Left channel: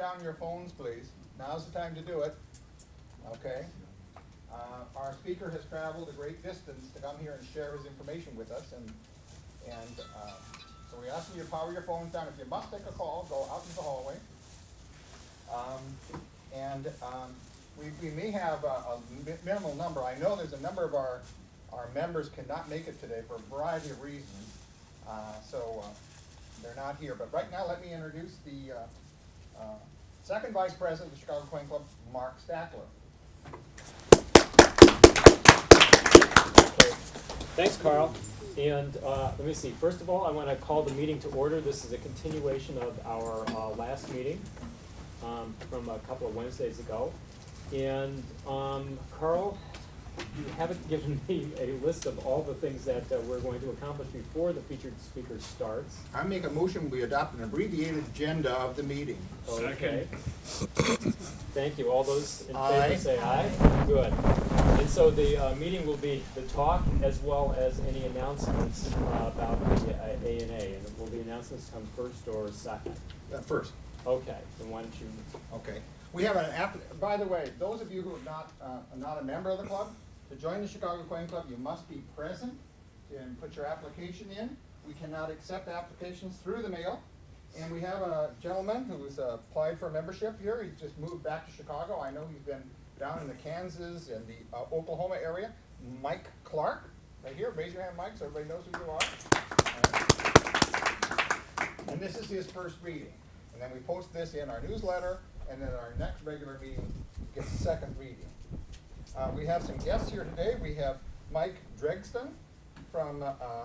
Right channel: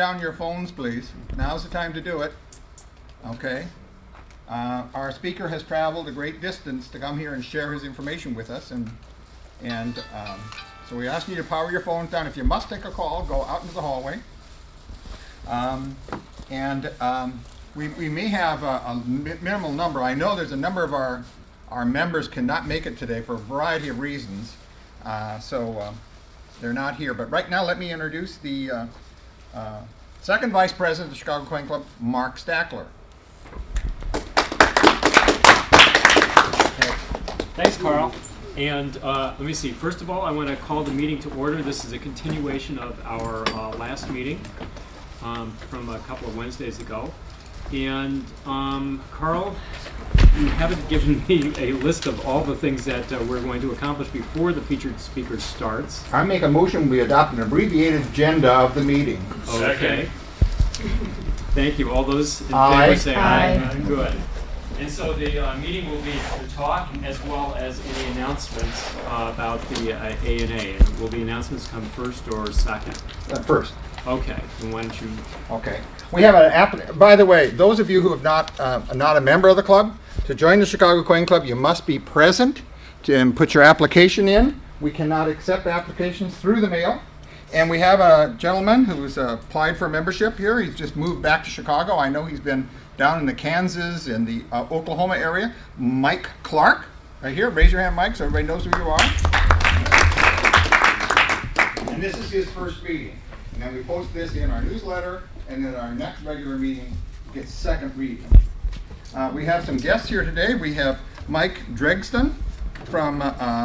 down your phones, please. Now's the time to do it. Okay. Our speaker has traveled a great distance to come here and share his information with us, and so we ask you to power your phones down. If you must take a call, go out into the hallway. We may have a minimal number. I know there's a number of our members cannot make it today for a variety of reasons, so they're not here. But right now, let me introduce the second vice president of the Chicago Coin Club, Marc Stackler. Thanks, Carl. And let me see. First of all, I want to call the meeting to order. This is a continuation of our last meeting from a couple of Wednesdays ago. And Carl, you haven't given me a list of all the things that we're going to accomplish before the featured speaker starts. I make a motion we adopt an abbreviated agenda of the meeting. Okay. Thank you. All those in Aye. favor say aye. Aye. Good. And so the meeting will be to talk as well as any announcements about the A&A. And will the announcements come first or second? First. Okay. And why don't you... Okay. We have an app. By the way, those of you who have not a member of the club, to join the Chicago Coin Club, you must be present to put your application in. We cannot accept applications through the mail. And we have a gentleman who's applied for membership here. He's just moved back to Chicago. I know he's been down in the Kansas and the Oklahoma area. Mike Clark, right here. Raise your hand, Mike, so everybody knows who you are. And this is his first meeting. And then we post this in our newsletter, and then our next regular meeting gets second reading. We have some guests here today. We have Mike Dregston from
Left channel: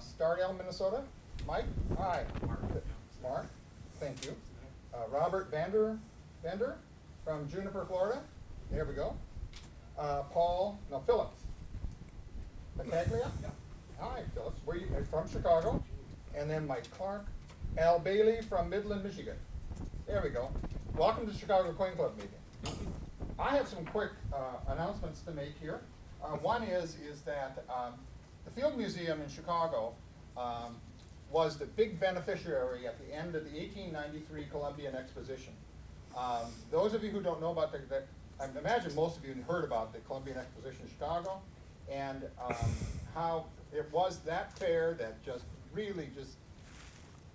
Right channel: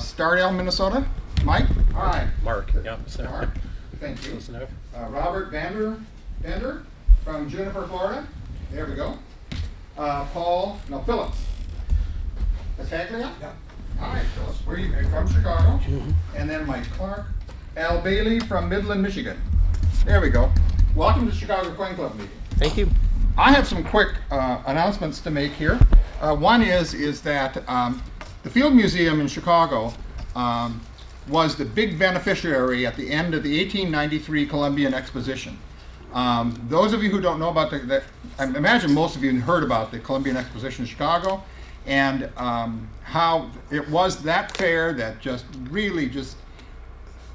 Stardale, Minnesota. Mike? Hi. Mark, yeah. Mark. Thank you. Listen up. Robert Vander from Juniper, Florida. There we go. Phillips. Stackler? Yeah. Hi, Phillips. Where are you from? Chicago. Mm-hmm. And then Mike Clark. Al Bailey from Midland, Michigan. There we go. Welcome to the Chicago Coin Club meeting. Thank you. I have some quick announcements to make here. One is that the Field Museum in Chicago was the big beneficiary at the end of the 1893 Columbian Exposition. Those of you who don't know about I imagine most of you heard about the Columbian Exposition in Chicago, and how it was that fair that just really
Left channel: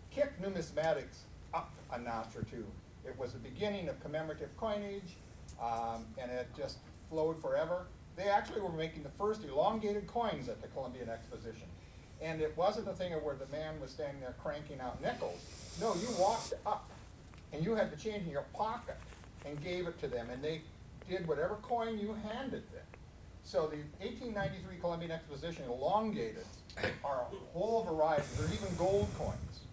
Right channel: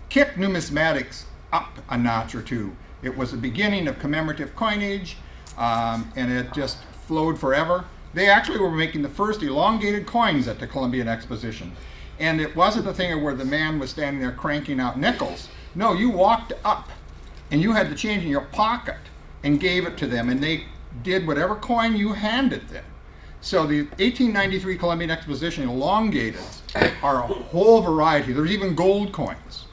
kicked numismatics up a notch or two. It was the beginning of commemorative coinage, and it just flowed forever. They actually were making the first elongated coins at the Columbian Exposition. And it wasn't a thing where the man was standing there cranking out nickels. No, you walked up and you had the change in your pocket and gave it to them, and they did whatever coin you handed them. So the 1893 Columbian Exposition elongated are a whole variety. There's even gold coins.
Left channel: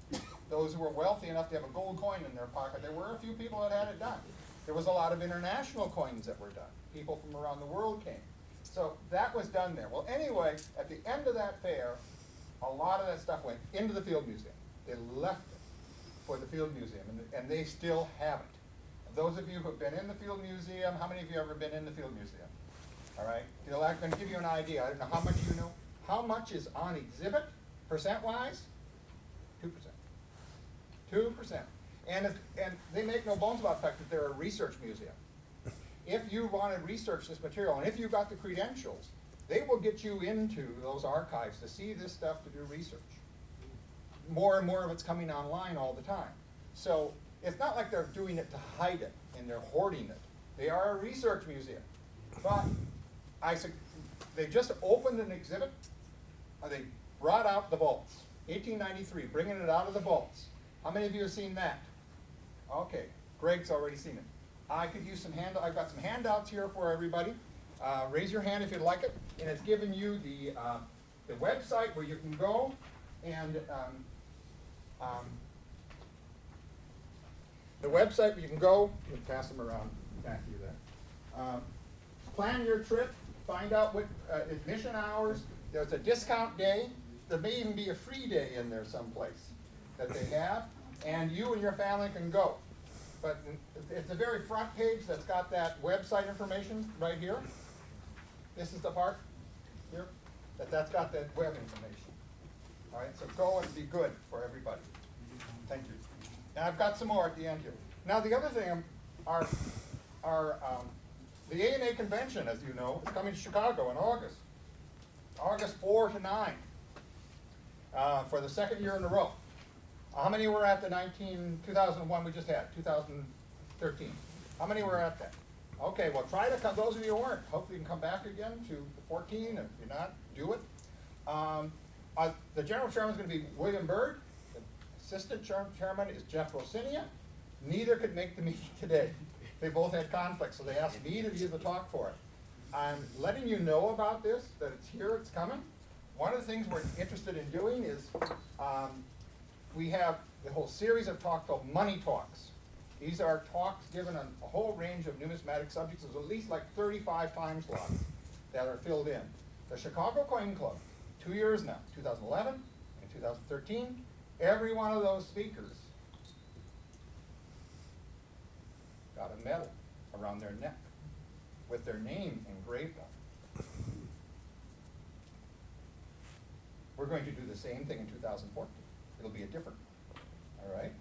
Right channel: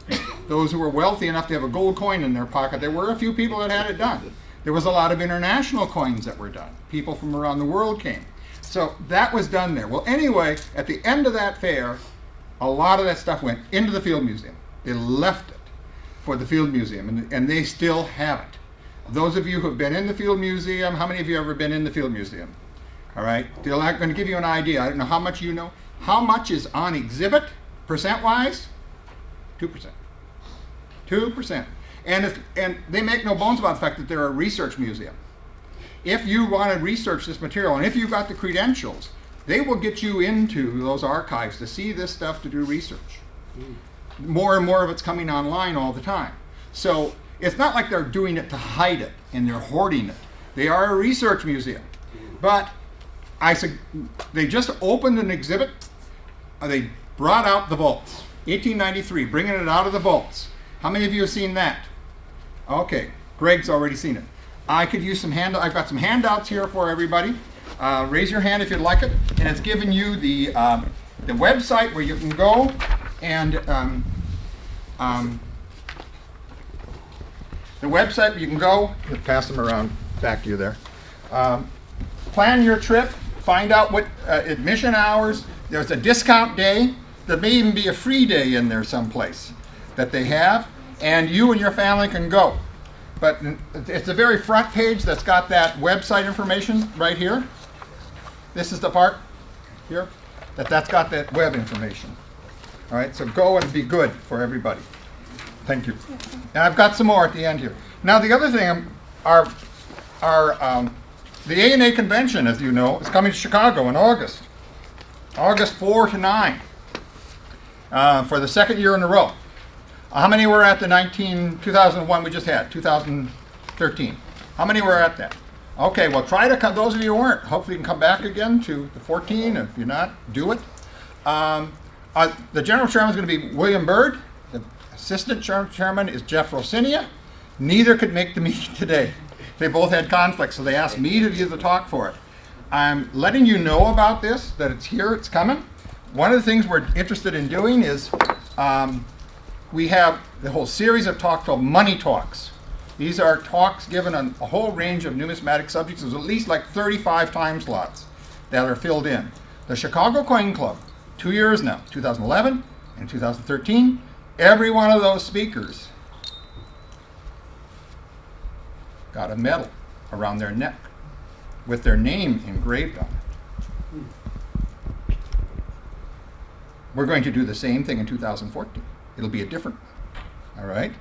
Those who were wealthy enough to have a gold coin in their pocket, there were a few people that had it done. There was a lot of international coins that were done. People from around the world came. So that was done there. Well, anyway, at the end of that fair, a lot of that stuff went into the Field Museum. They left it for the Field Museum, and they still have it. Those of you who have been in the Field Museum, how many of you have ever been in the Field Museum? All right, they're going to give you an idea. I don't know how much you know. How much is on exhibit, percent-wise? 2%. 2%. And they make no bones about the fact that they're a research museum. If you want to research this material, and if you've got the credentials, they will get you into those archives to see this stuff, to do research. More and more of it's coming online all the time. So it's not like they're doing it to hide it and they're hoarding it. They are a research museum. But they just opened an exhibit. They brought out the vaults. 1893, bringing it out of the vaults. How many of you have seen that? Okay, Greg's already seen it. I could use some handouts. I've got some handouts here for everybody. Raise your hand if you'd like it. And it's given you the website where you can go and the website where you can go. Pass them around back to you there. Plan your trip. Find out what admission hours. There's a discount day. There may even be a free day in there someplace that they have, and you and your family can go. But it's the very front page that's got that website information right here. This is the part here that's got that web information. All right, so go and be good for everybody. Thank you. And I've got some more at the end here. Now the other thing our, the ANA convention, as you know, is coming to Chicago in August. August 4 to 9, for the second year in a row. How many were at the 2001 we just had, 2013? How many were at that? Okay, well, try to come, those of you who weren't, hopefully you can come back again to the 14, and if you're not, do it. The general chairman is going to be William Byrd. The assistant chairman is Jeff Rosinia. Neither could make the meeting today. They both had conflicts, so they asked me to give the talk for it. I'm letting you know about this, that it's here, it's coming. One of the things we're interested in doing is we have the whole series of talks called Money Talks. These are talks given on a whole range of numismatic subjects. There's at least like 35 time slots that are filled in. The Chicago Coin Club, 2 years now, 2011 and 2013, every one of those speakers got a medal around their neck with their name engraved on it. We're going to do the same thing in 2014. It'll be a different one, all right?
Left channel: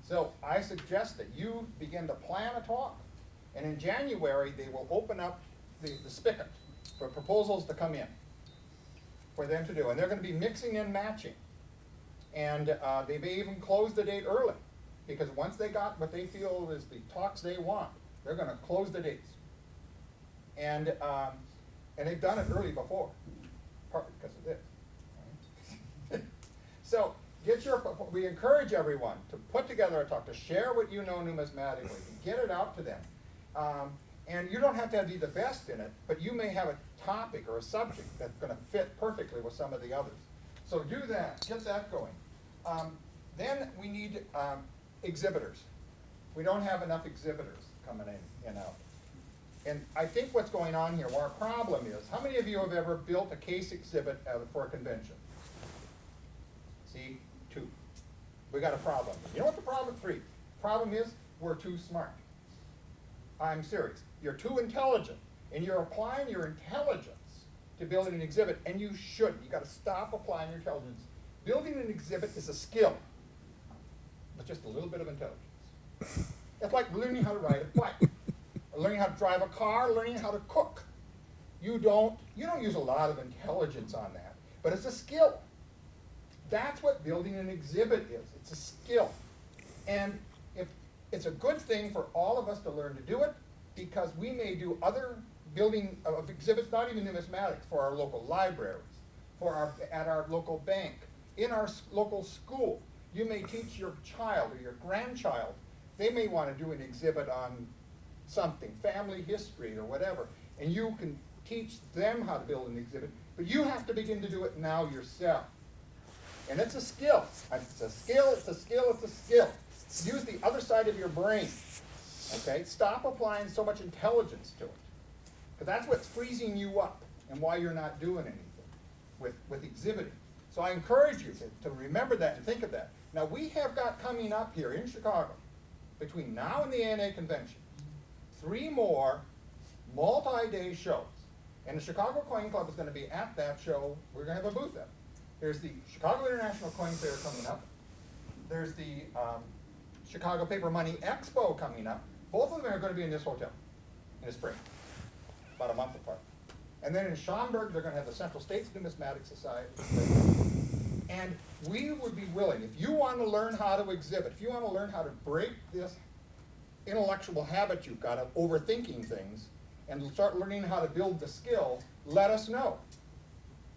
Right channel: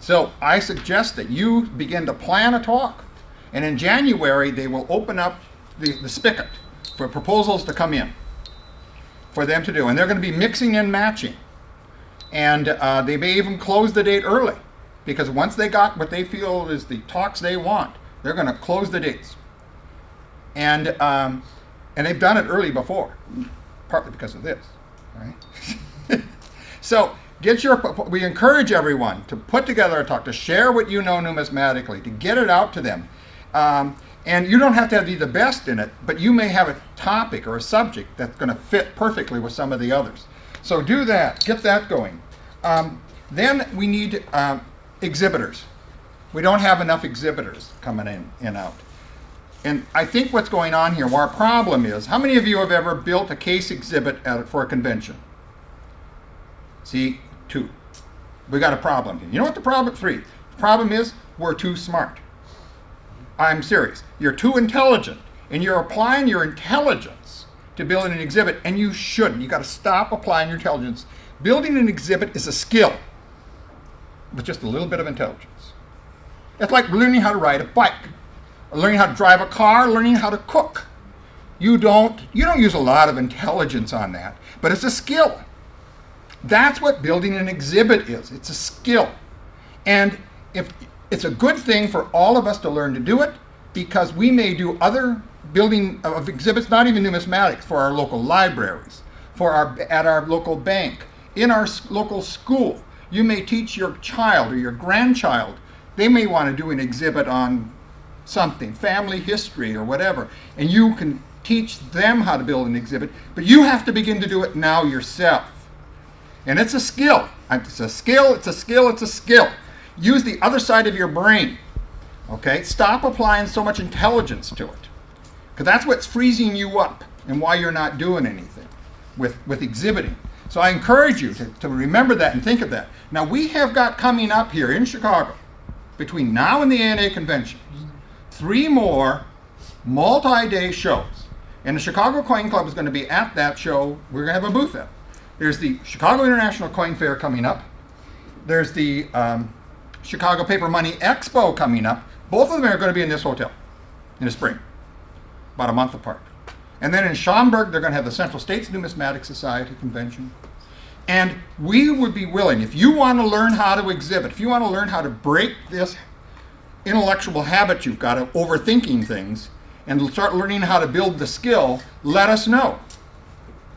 So I suggest that you begin to plan a talk, and in January they will open up the spigot for proposals to come in for them to do, and they're going to be mixing and matching, and they may even close the date early, because once they got what they feel is the talks they want, they're going to close the dates, and they've done it early before, partly because of this, right? So we encourage everyone to put together a talk, to share what you know numismatically, to get it out to them. And you don't have to be the best in it, but you may have a topic or a subject that's going to fit perfectly with some of the others. So do that, get that going. Then we need exhibitors. We don't have enough exhibitors coming in and out. And I think what's going on here, our problem is, how many of you have ever built a case exhibit for a convention? See, 2. We got a problem here. You know what the problem? 3. The problem is we're too smart. I'm serious. You're too intelligent, and you're applying your intelligence to building an exhibit, and you shouldn't. You got to stop applying your intelligence. Building an exhibit is a skill with just a little bit of intelligence. It's like learning how to ride a bike, or learning how to drive a car, learning how to cook. You don't use a lot of intelligence on that, but it's a skill. That's what building an exhibit is. It's a skill. And if it's a good thing for all of us to learn to do it, because we may do other building of exhibits, not even numismatics, for our local libraries, at our local bank, in our local school. You may teach your child or your grandchild. They may want to do an exhibit on something, family history or whatever, and you can teach them how to build an exhibit, but you have to begin to do it now yourself. And it's a skill. It's a skill, it's a skill, it's a skill. Use the other side of your brain, okay? Stop applying so much intelligence to it, because that's what's freezing you up and why you're not doing anything with exhibiting. So I encourage you to remember that and think of that. Now we have got coming up here in Chicago, between now and the ANA convention, 3 more multi-day shows. And the Chicago Coin Club is going to be at that show. We're going to have a booth at. There's the Chicago International Coin Fair coming up. There's the Chicago Paper Money Expo coming up. Both of them are going to be in this hotel in the spring, about a month apart. And then in Schaumburg, they're going to have the Central States Numismatic Society Convention. And we would be willing, if you want to learn how to exhibit, if you want to learn how to break this intellectual habit you've got of overthinking things and start learning how to build the skill, let us know.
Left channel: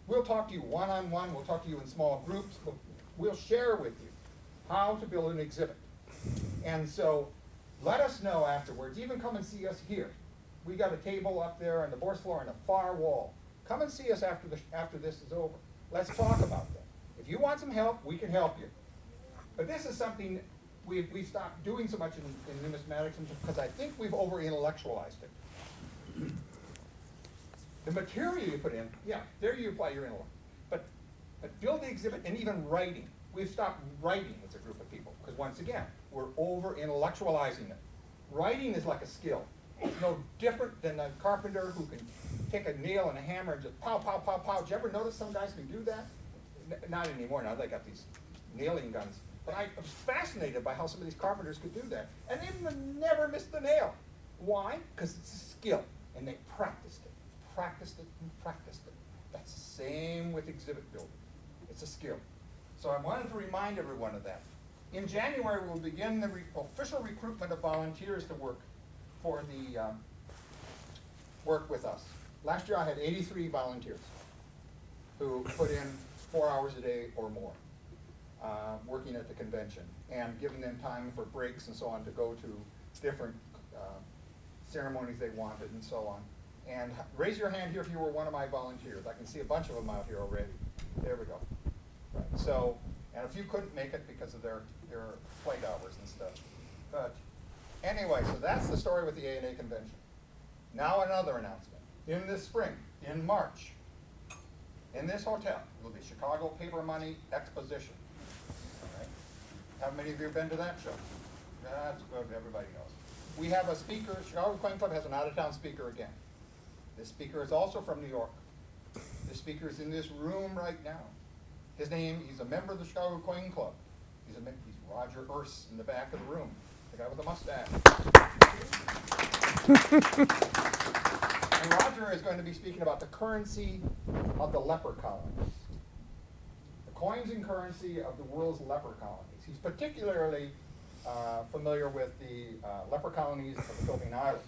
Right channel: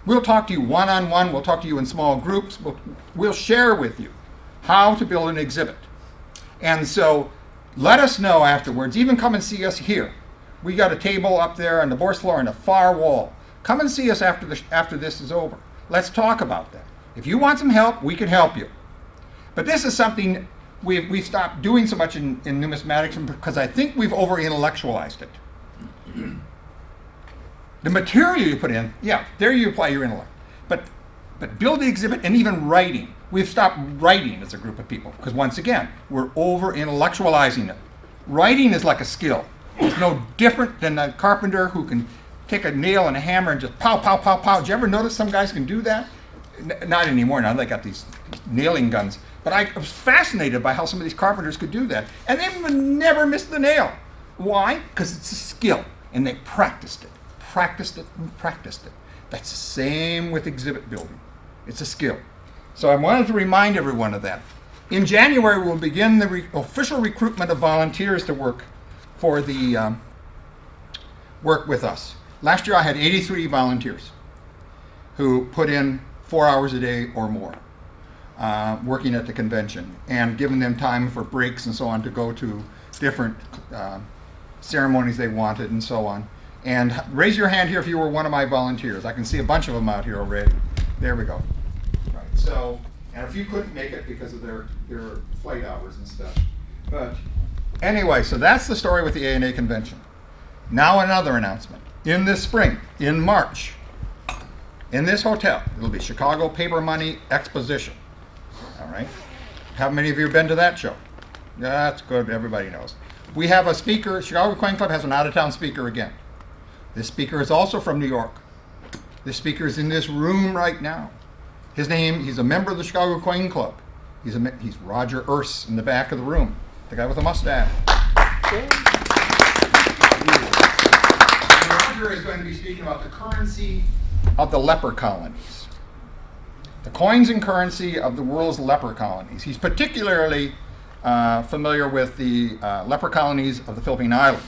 We'll talk to you one-on-one. We'll talk to you in small groups. We'll share with you how to build an exhibit. And so let us know afterwards. Even come and see us here. We got a table up there on the bourse floor on the far wall. Come and see us after this is over. Let's talk about that. If you want some help, we can help you. But this is something we've stopped doing so much in numismatics because I think we've over-intellectualized it. The material you put in, yeah, there you apply your intellect. But build the exhibit and even writing. We've stopped writing as a group of people because once again, we're over-intellectualizing it. Writing is like a skill. It's no different than a carpenter who can take a nail and a hammer and just pow, pow, pow, pow. Did you ever notice some guys can do that? Not anymore now, they got these nailing guns. But I was fascinated by how some of these carpenters could do that. And they would never miss the nail. Why? Because it's a skill. And they practiced it, and practiced it. That's the same with exhibit building. It's a skill. So I wanted to remind everyone of that. In January, we'll begin the official recruitment of volunteers to work for the work with us. Last year, I had 83 volunteers who put in 4 hours a day or more working at the convention and giving them time for breaks and so on to go to different ceremonies they wanted and so on. And raise your hand here if you were one of my volunteers. I can see a bunch of them out here already. There we go. Right. So, and a few couldn't make it because of their flight hours and stuff. But anyway, so that's the story with the A&A convention. Now another announcement. In this spring, in March, in this hotel, it'll be Chicago Paper Money Exposition. All right. How many of you have been to that show? That's good. Everybody knows. We have a speaker. Chicago Coin Club has an out-of-town speaker again. This speaker is also from New York. This speaker is in this room right now. He's a member of the Chicago Coin Club. He's Roger Urs in the back of the room, the guy with the mustache. Roger is going to be speaking about the currency of the leper colonies. The coins and currency of the world's leper colonies. He's particularly familiar with the leper colonies of the Philippine Islands.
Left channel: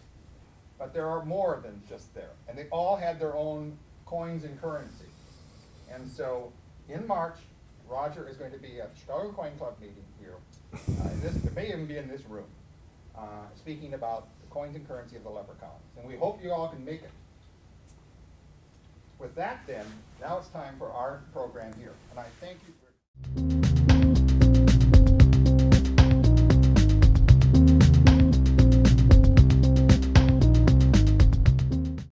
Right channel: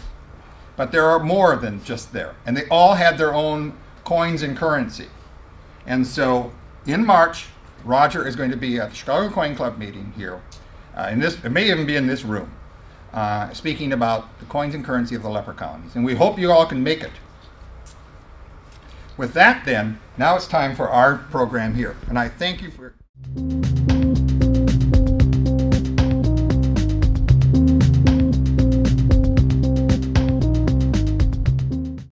But there are more than just there. And they all had their own coins and currency. And so in March, Roger is going to be at the Chicago Coin Club meeting here. It may even be in this room, speaking about the coins and currency of the leper colonies. And we hope you all can make it. With that then, now it's time for our program here. And I thank you for